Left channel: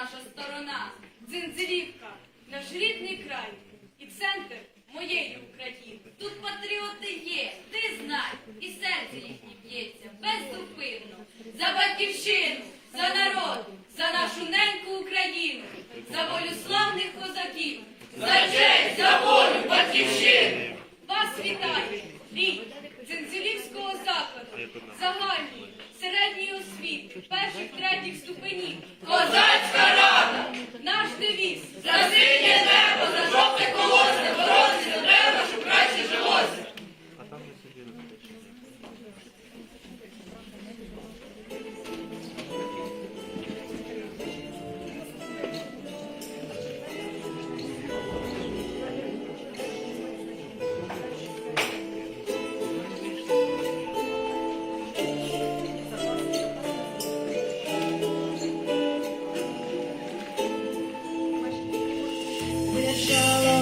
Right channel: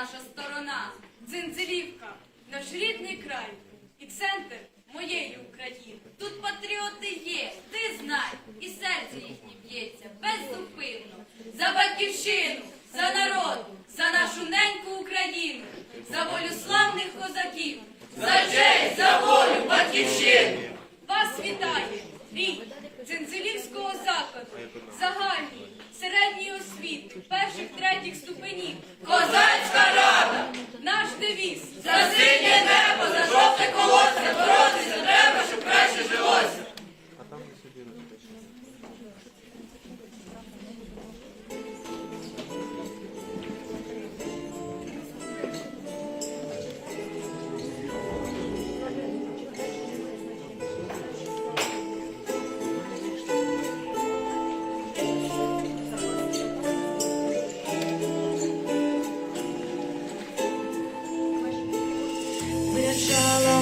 наша сторона, Дзинзилівка, наш рідний край і центр моєї України. Тут патріоти є, ти знай, і серце їхнє б'ється беззупинно. За батьківщину, за народ, за нашу неньку Україну, за волю славних козаків, за честь, за волю батьківщини. Вас вітає рік Цинцелівського закладу, загальної, освіти, перших третіх ступенів. Козацька рада! Наш девіз за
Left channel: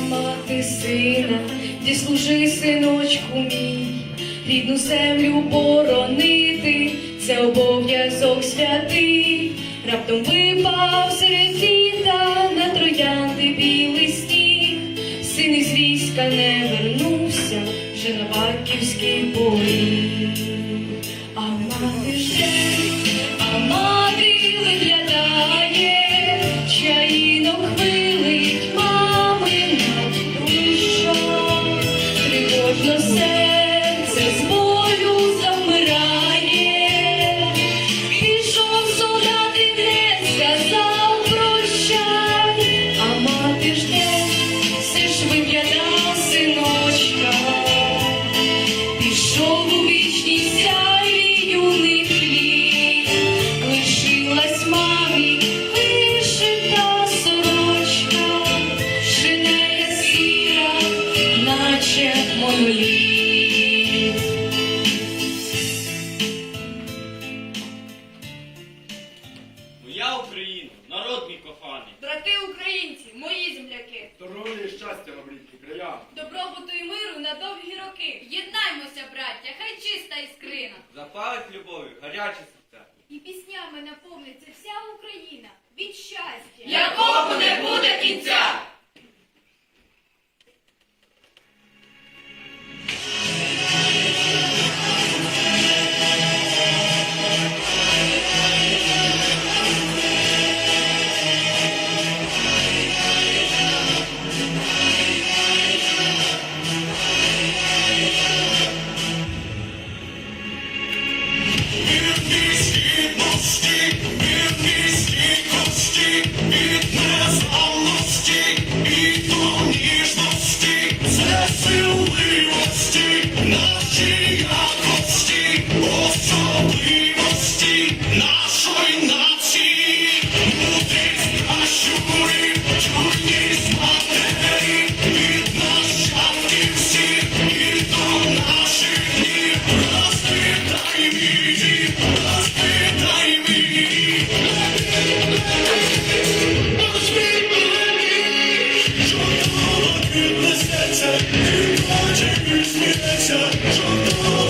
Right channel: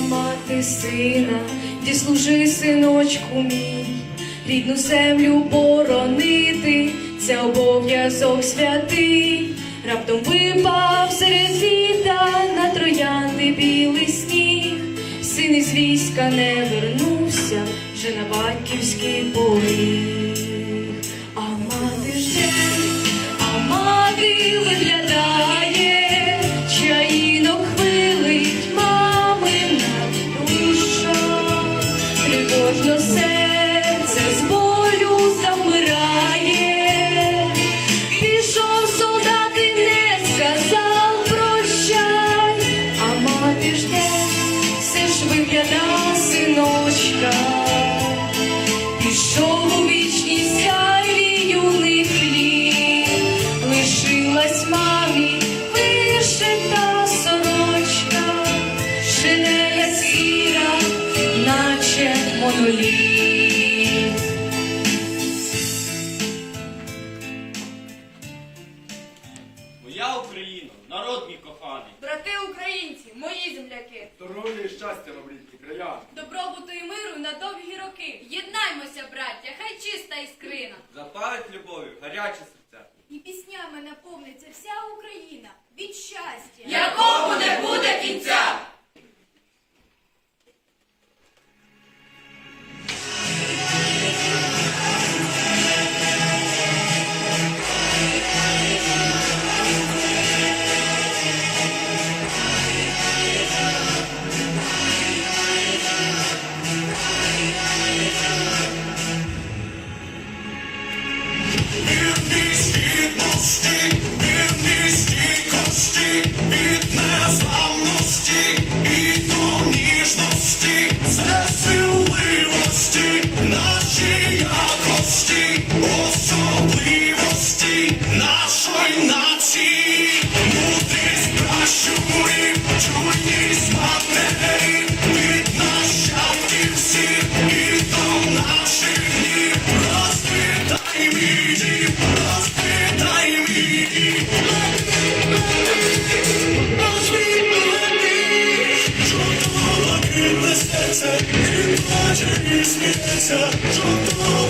мати сина, ти служи, синочку мій, рідну землю боронити, це обов'язок святий. Раптом випав серед літа на троянди білий сніг, син із війська не вернувся вже на батьківський поріг. Моя Україна, народ мій коханий. Брати українці, мої земляки, Здоров'я і щастя вам, рідні края. добробуту і миру на довгі роки. Єднаймося, браття, хай чиста іскрина. Запалить любов'ю, гаряче серця. І піснями наповниться вся Україна від щастя. Якому не буде кінця. смійся, жовтого.